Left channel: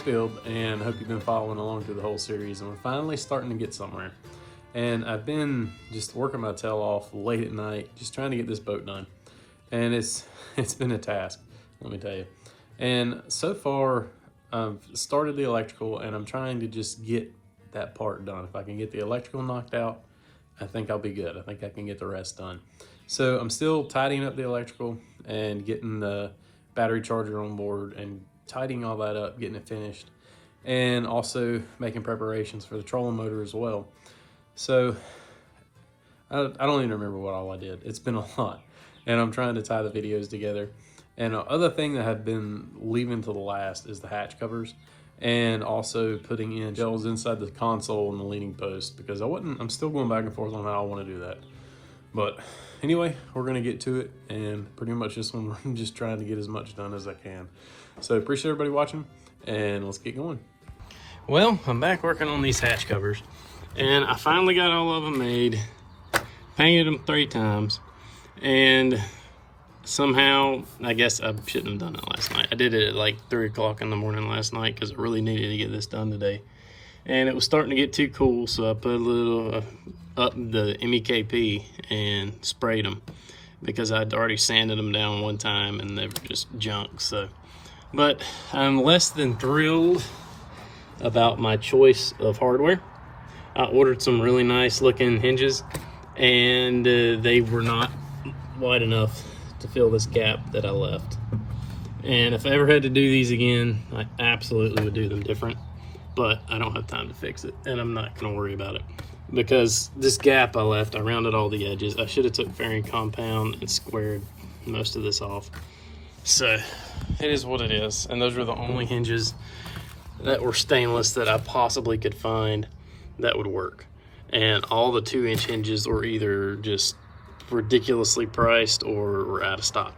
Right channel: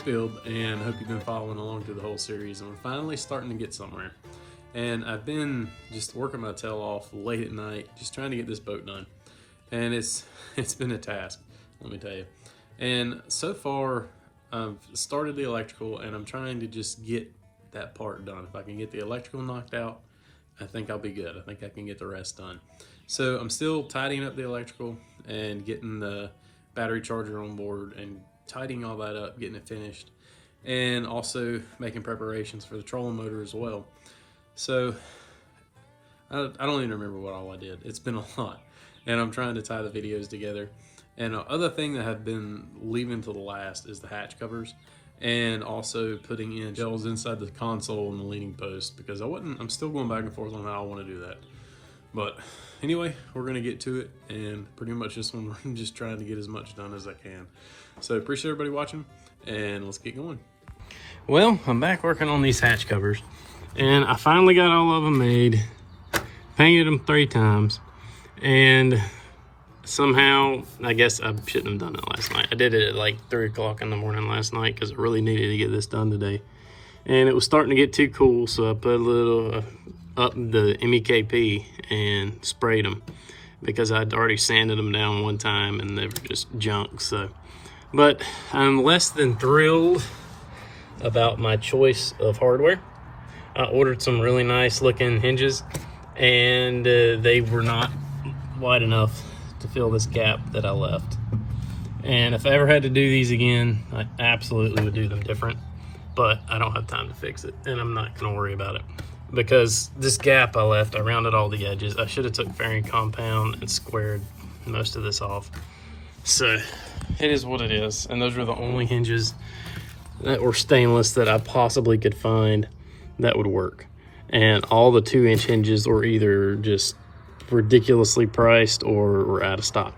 Skiff, and I hope you've been following along through the whole series, and we're finally starting to get somewhere. And I've been just working my tail off late at night, just trying to get this boat done. And it's been a task, let me tell you. And so far, I've started the electrical, and I'm trying to just get that part done. If I can get the electrical knocked out, I think I'll be good. I think I can get the rest done. So I'm still tidying up the electrical and getting the battery charger on board and tidying all that up, getting it finished, and also making preparations for the trolling motor as well. So I don't even remember what all I did. It's been a lot, and I'm trying to tie the videos together. And other thing that I've been leaving to the last is the hatch covers, and also putting in shelves inside the console and the leaning post, because I'm still going back and forth on how I want to do that. But anyway, we're gonna get to it, and pretty much this one I'm just trying to get as much done as I can. So appreciate everybody watching, and let's get going. Well, I'm back working on these hatch covers, and I finally got all of them made, painted them 3 times, and somehow, I guess I shouldn't have done it last night. I did it at like 3 o'clock in the morning last night because I really needed to get this done today. And it was starting to get too cool, so I put a little up the MEKP and sprayed them because I'd already sanded them down one time and they were just junk. So, but I'm less than thrilled about my choice of hardware. I ordered some really nice looking hinges, and they were not wide enough to fill this gap that I left. And if I ever had to do these again, I absolutely would do them different, but I don't have time to fix it, and I'm not gonna worry about it because this gap I left, I rounded all the edges. I should have took fairing compound and squared most of this off. So it is what it is, and those were the only hinges that were stainless that I possibly could find that would work. And all the 2-inch hinges were either just ridiculously priced or were out of stock.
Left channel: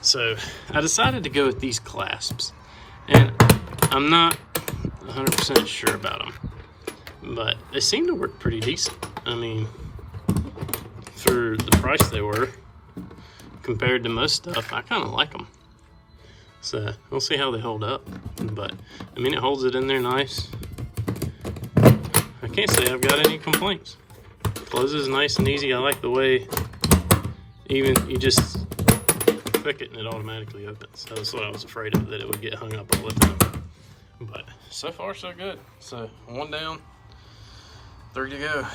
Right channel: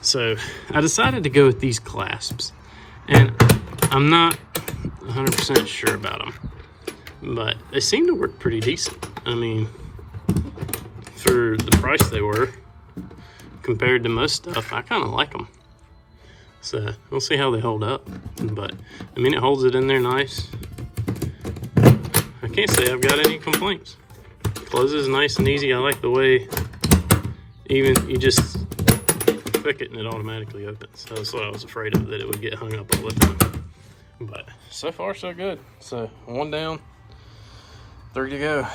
So I decided to go with these clasps, and I'm not 100% sure about them, but they seem to work pretty decent. I mean, for the price they were compared to most stuff, I kind of like them. So we'll see how they hold up, but I mean, it holds it in there nice. I can't say I've got any complaints. Closes nice and easy. I like the way even you just click it and it automatically opens. So that's what I was afraid of, that it would get hung up all the time. But so far so good. So 1 down, 3 to go.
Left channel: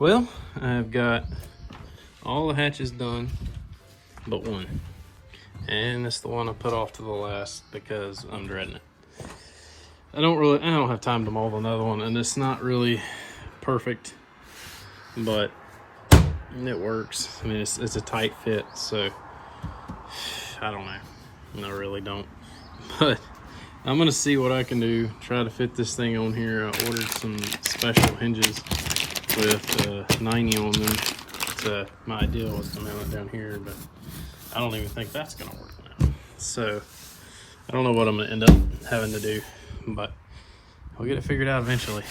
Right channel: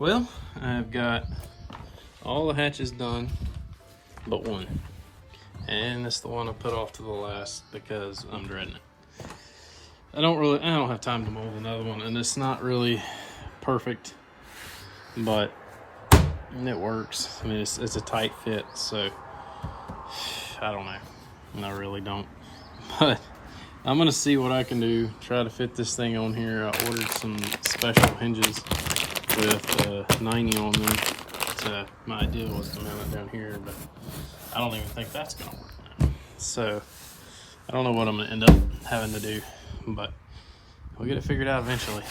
Well, I've got all the hatches done but one. And it's the one I put off to the last because I'm dreading it. I don't have time to mold another one, and it's not really perfect, but it works. I mean, it's a tight fit, so I don't know. I really don't. But I'm gonna see what I can do, try to fit this thing on here. I ordered some special hinges with 90 on them. So my idea was to mount it down here, but I don't even think that's gonna work now. So I don't know what I'm gonna end up having to do, but we'll get it figured out eventually.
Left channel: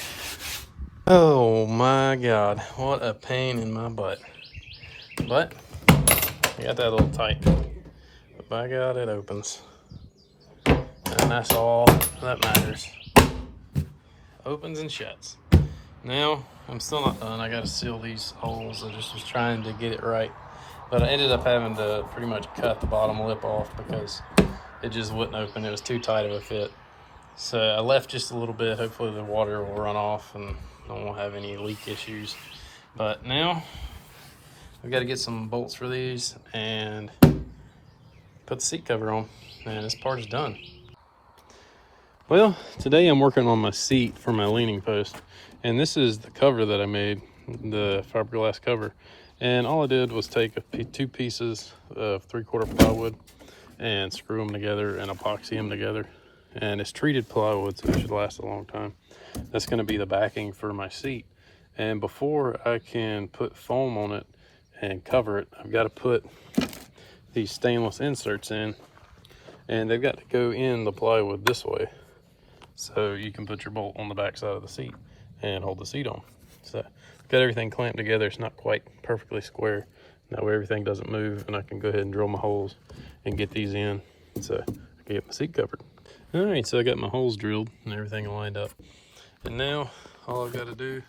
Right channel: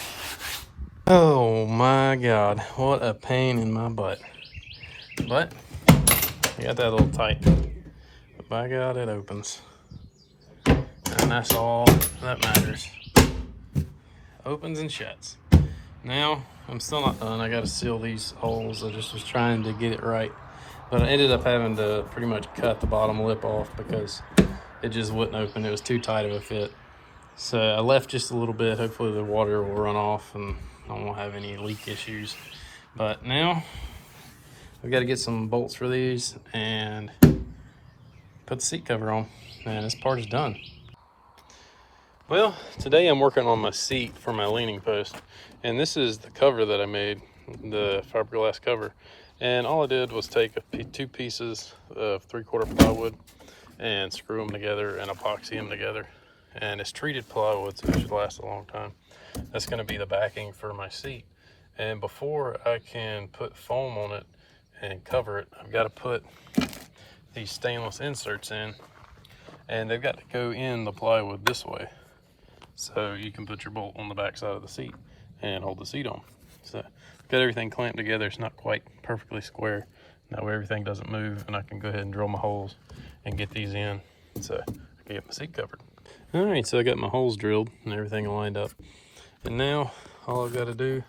Oh my God, what a pain in my butt. But I got that a little tight, but by God, it opens. And that's all that matters. Opens and shuts. Now, I'm still not done. I gotta seal these holes. I just was trying to get it right, but I ended up having to pretty much cut the bottom lip off because it just wouldn't open. It was too tight of a fit. So I left just a little bit. Hopefully the water will run off and I won't have any leak issues. But now I've got to get some bolts for these and put the seat cover on, and this part is done. Well, today I'm working on my seat for my leaning post, and this is the cover that I made, the fiberglass cover. And all I did was take 2 pieces of 3/4 plywood and screw them together and epoxy them together. And it's treated plywood, so it should last a long time. That's going to be the backing for my seat. And before I can put foam on it and cover it, I've got to put these stainless inserts in, and they've got to go in the plywood this way, so you can put your bolt on the back side of the seat and hold the seat on. So got everything clamped together. It's not quite perfectly square. That way everything doesn't move, and I can go ahead and drill my holes and get these in, so get the seat covered. All right, so I got my holes drilled and everything lined up. And now all I've got to do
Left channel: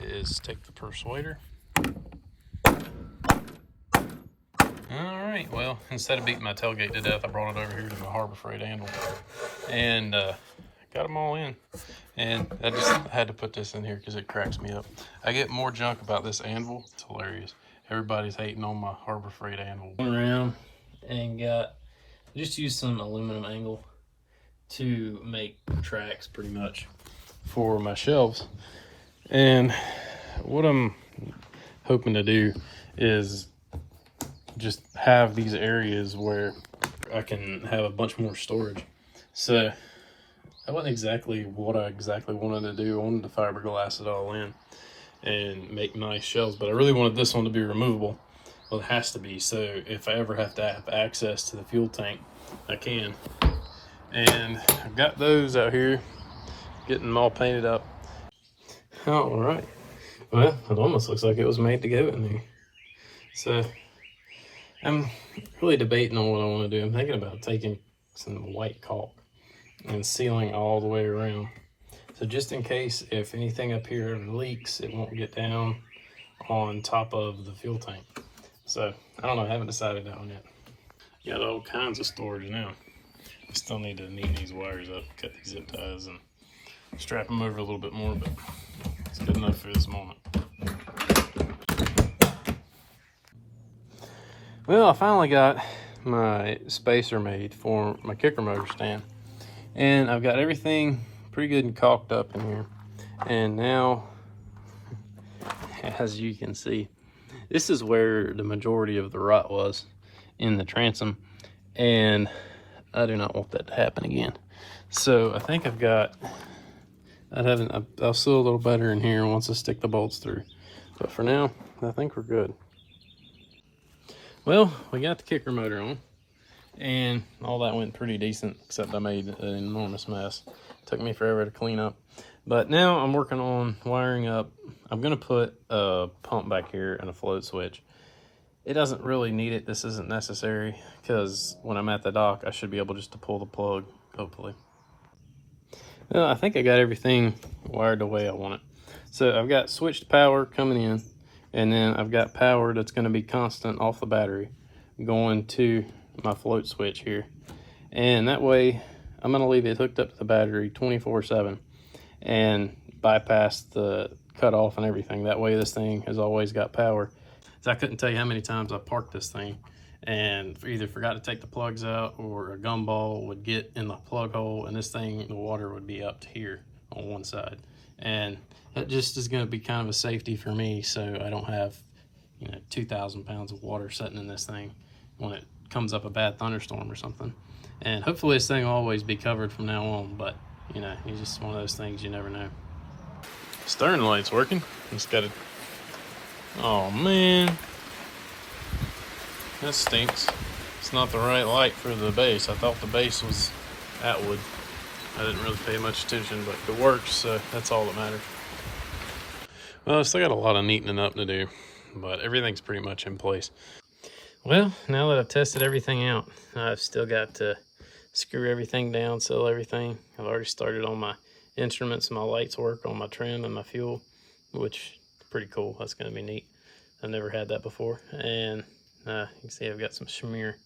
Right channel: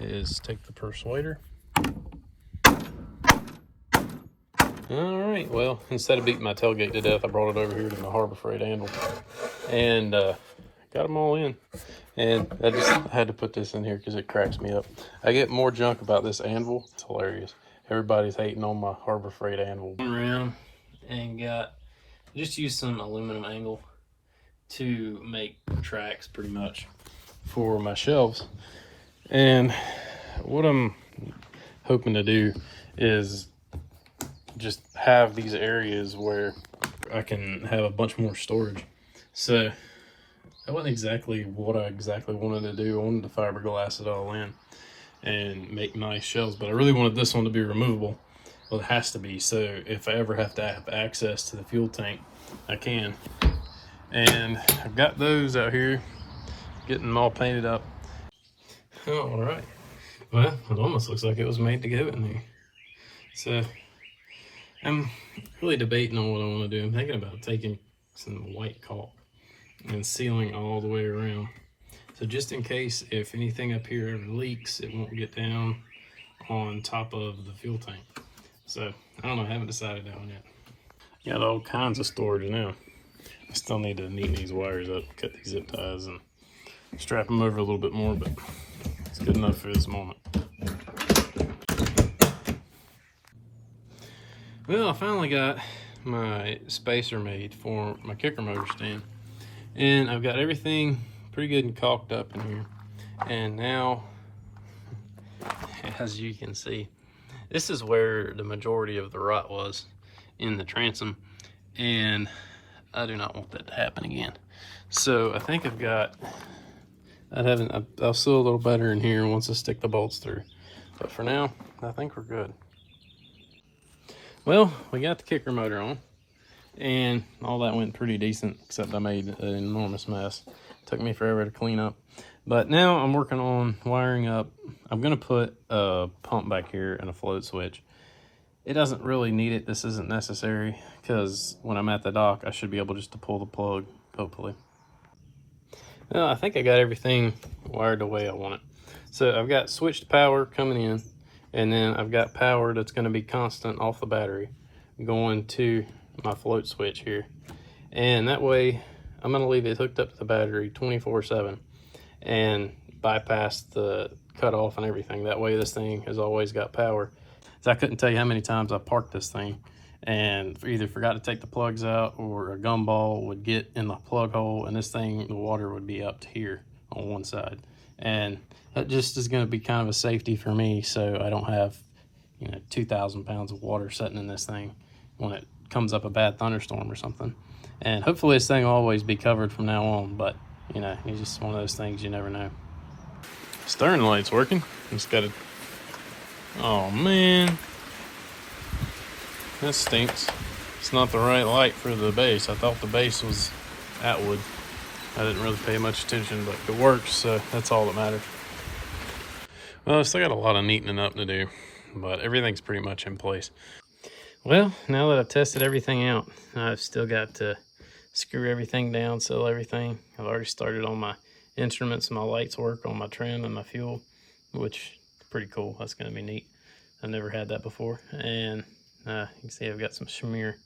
is take the persuader. All right, well, instead of beating my tailgate to death, I brought it over here to my Harbor Freight anvil and got them all in. And I just had to put this in here because it cracks me up. I get more junk about this anvil. It's hilarious. Everybody's hating on my Harbor Freight anvil. Went around and just used some aluminum angle to make tracks pretty much for my shelves. And what I'm hoping to do is just have these areas where I can have a bunch more storage. So that wasn't exactly what I wanted to do. I wanted to fiberglass it all in and make nice shelves, but I really wanted this one to be removable. Well, it has to be, so if I ever have to have access to the fuel tank, I can. And I've got those out here, getting them all painted up. All right. Well, it almost looks like it was made to go in there. So I'm really debating on what I want to do. I'm thinking about taking some white caulk and sealing all the way around. So just in case if anything up here ever leaks, it won't get down on top of the fuel tank. So I don't know, I haven't decided that one yet. Got all kinds of storage now. I still need to neaten these wires up, cut these zip ties, and strap them over a little bit more, but it's good enough for this moment. Well, I finally got my spacer made for my kicker motor stand. And I've got everything pretty good and caulked up in here. And now, as you can see, this is where the majority of the rot was in the transom. And I do not want that to happen again. So I think I'll seal a little better in here once I stick the bolts through. But for now, I think we're good. Well, we got the kicker motor on. And all that went pretty decent, except I made an enormous mess. Took me forever to clean up. But now I'm working on wiring up. I'm gonna put a pump back here and a float switch. It doesn't really need it. This isn't necessary because when I'm at the dock, I should be able just to pull the plug, hopefully. I think I got everything wired the way I want it. So I've got switched power coming in, and then I've got power that's gonna be constant off the battery going to my float switch here. And that way I'm going to leave it hooked up to the battery 24/7 and bypass the cutoff and everything. That way this thing has always got power. So I couldn't tell you how many times I parked this thing and either forgot to take the plugs out, or a gumball would get in the plug hole and this thing, the water would be up to here on one side. And that just is going to be kind of a safety for me, so I don't have 2,000 pounds of water sitting in this thing when it comes up a bad thunderstorm or something. And hopefully this thing will always be covered from now on, but it's just one of those things, you never know. Stern light's working. It's got a, oh man, that stinks. It's not the right light for the base. I thought the base was Atwood. I didn't really pay much attention, but it works, so that's all that matters. Well, I still got a lot of neatening up to do, but everything's pretty much in place. Well, now that I've tested everything out, I've still got to screw everything down, seal everything. I've already started on my instruments and my lights work on my trim and my fuel, which is pretty cool. That's going to be neat. I've never had that before. And you can see I've got some smear.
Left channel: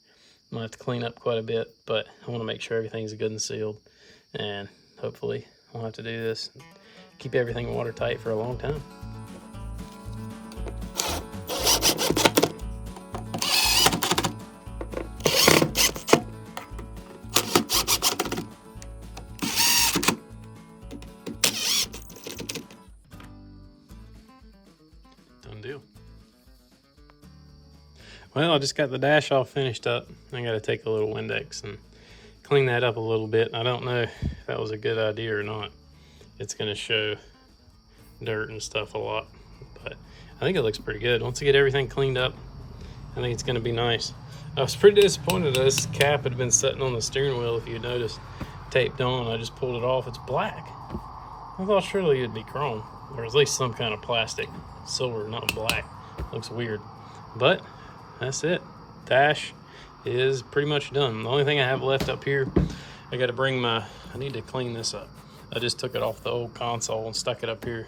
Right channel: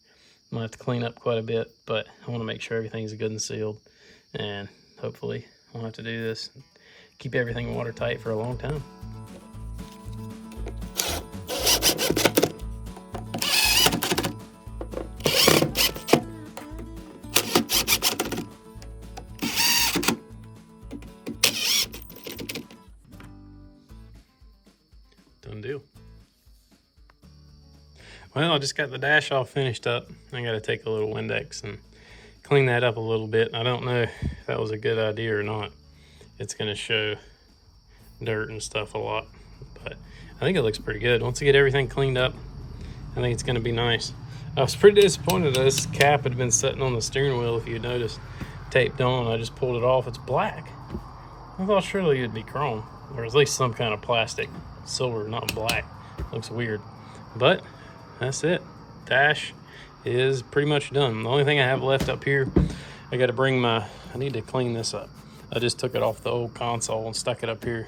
I might have to clean up quite a bit, but I want to make sure everything's good and sealed. And hopefully I'll have to do this, keep everything watertight for a long time. Done deal. Well, I just got the dash all finished up. I got to take a little Windex and clean that up a little bit. I don't know if that was a good idea or not. It's going to show dirt and stuff a lot, but I think it looks pretty good. Once I get everything cleaned up, I think it's going to be nice. I was pretty disappointed that this cap had been sitting on the steering wheel, if you noticed, taped on. I just pulled it off. It's black. I thought surely it'd be chrome, or at least some kind of plastic. Silver, not black. Looks weird. But that's it. Dash is pretty much done. The only thing I have left up here I got to bring I need to clean this up. I just took it off the old console and stuck it up here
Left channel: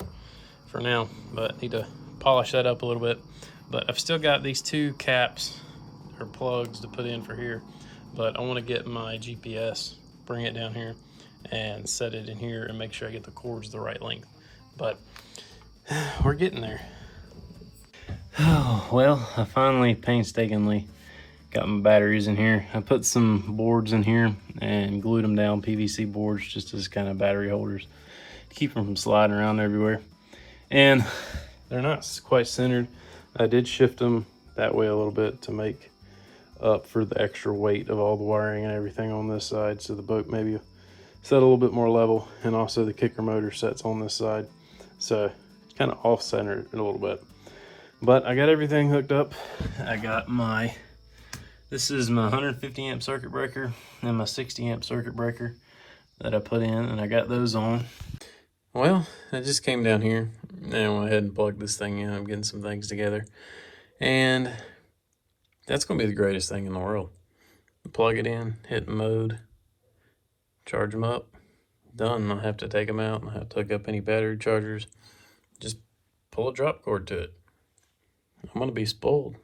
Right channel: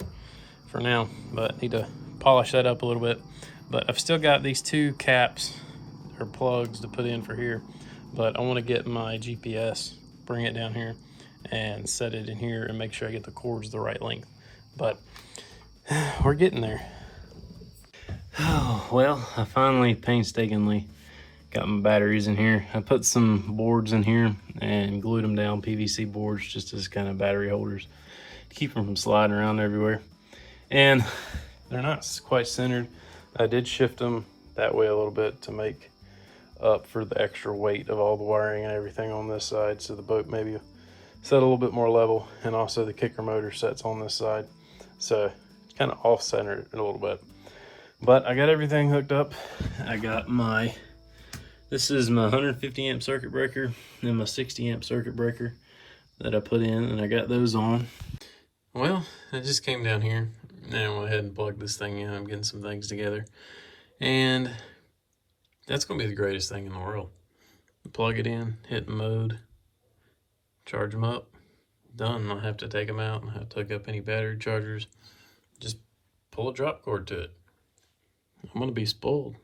for now, but I need to polish that up a little bit. But I've still got these 2 caps or plugs to put in for here, but I want to get my GPS, bring it down here and set it in here and make sure I get the cords the right length. But we're getting there. Well, I finally painstakingly got my batteries in here. I put some boards in here and glued them down, PVC boards, just as kind of battery holders to keep them from sliding around everywhere. And they're not quite centered. I did shift them that way a little bit to make up for the extra weight of all the wiring and everything on this side, so the boat maybe set a little bit more level, and also the kicker motor sets on this side, so it's kind of off-centered a little bit. But I got everything hooked up. I got this is my 150 amp circuit breaker and my 60 amp circuit breaker that I put in, and I got those on. Well, I just came down here and I went ahead and plugged this thing in. I'm getting some things together, and that's gonna be the greatest thing in the world. Plug it in, hit mode, charge them up, done. I don't have to take them out, I don't have to hook up any battery chargers. Just pull a drop cord to it. I'm gonna be spoiled.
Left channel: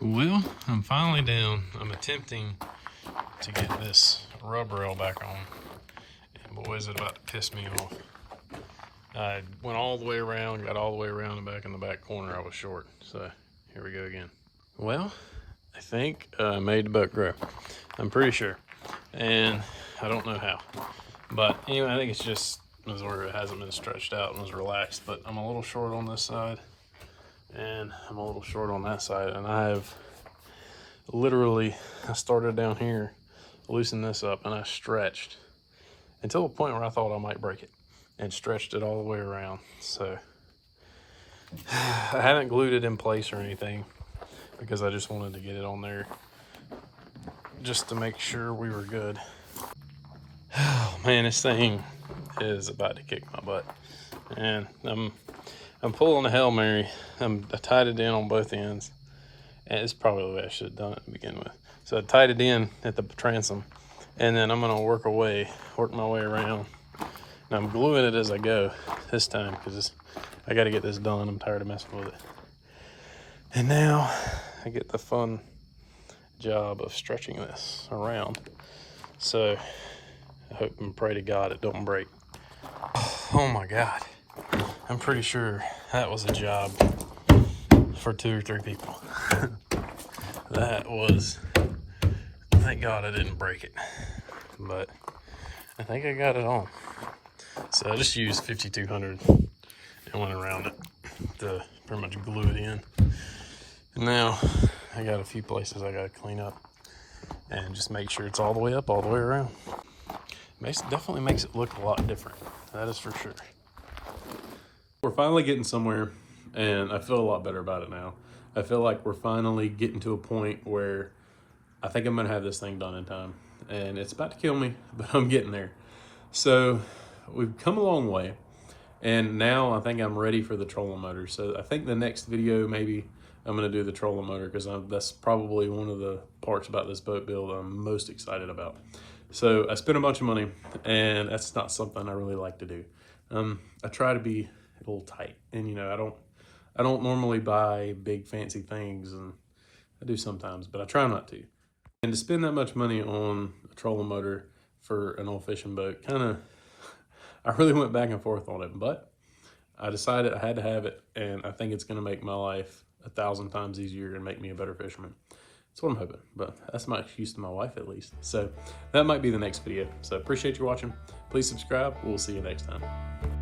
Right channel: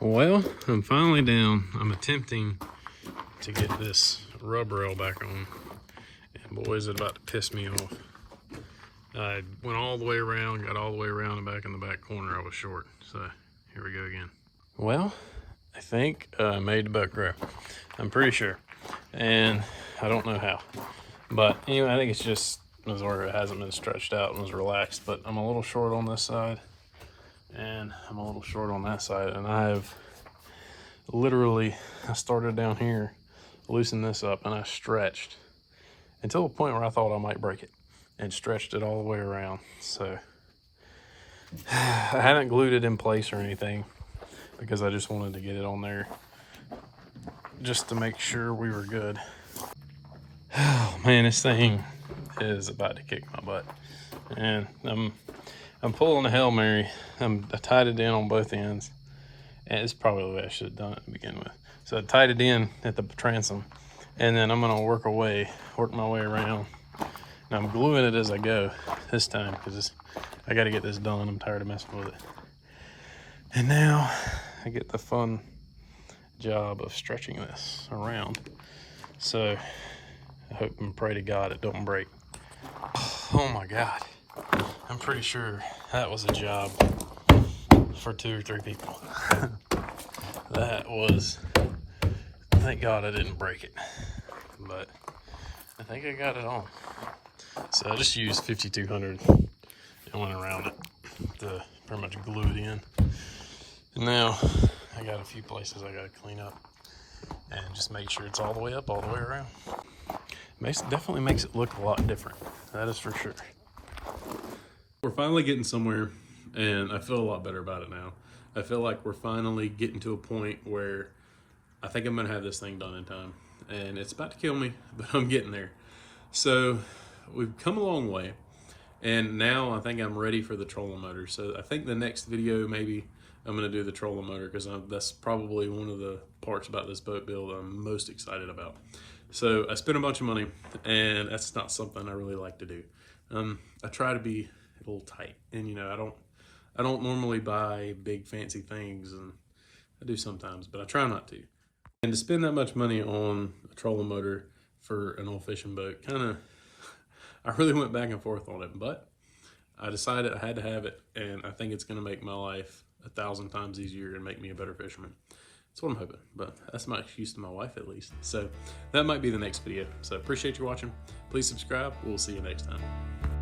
Well, I'm finally down. I'm attempting to get this rubber rail back on, and boy, is it about to piss me off. I went all the way around, got all the way around and back in the back corner. I was short, so here we go again. Well, I think I made the boat grow. I'm pretty sure, and I don't know how. But anyway, I think it's just where it hasn't been stretched out and was relaxed. But I'm a little short on this side, and I'm a little short on that side, and I started down here, loosened this up, and I stretched until the point where I thought I might break it, and stretched it all the way around. So I haven't glued it in place or anything because I just wanted to get it on there just to make sure we were good. Oh man, this thing is about to kick my butt, and I'm pulling a Hail Mary. I tied it in on both ends, and it's probably the way I should have done it to begin with. So I tied it in at the transom, and then I'm gonna work my way around. And I'm gluing it as I go this time because I got to get this done. I'm tired of messing with it. And now I get the fun job of stretching this around. So I hope and pray to God it don't break. Oh my God. I'm pretty sure that was a job for 2 or 3 people. That was, thank God I didn't break it. But I think I got it on. So I just used 5200 and went around it to pretty much glue it in. And now I got a few places I gotta clean up and just make sure it's all the way up, all the way around. Definitely makes it look a lot different. That is for sure. We're finally getting somewhere, and I feel a lot better about it now. I feel like we're finally getting to a point where I think I'm gonna have this thing done in time. And it's about to kill me, but I'm getting there. So we've come a long way, and now I think I'm ready for the trolling motor. So I think the next video, maybe I'm gonna do the trolling motor, because that's probably one of the parts about this boat build I'm most excited about. So I spent a bunch of money, and that's not something I really like to do. I try to be a little tight, and you know, I don't normally buy big fancy things, and I do sometimes, but I try not to. And to spend that much money on a trolling motor for an old fishing boat, I really went back and forth on it, but I decided I had to have it, and I think it's gonna make my life 1,000 times easier and make me a better fisherman. That's what I'm hoping, but that's my excuse to my wife at least. So that might be the next video. So appreciate you watching. Please subscribe. We'll see you next time.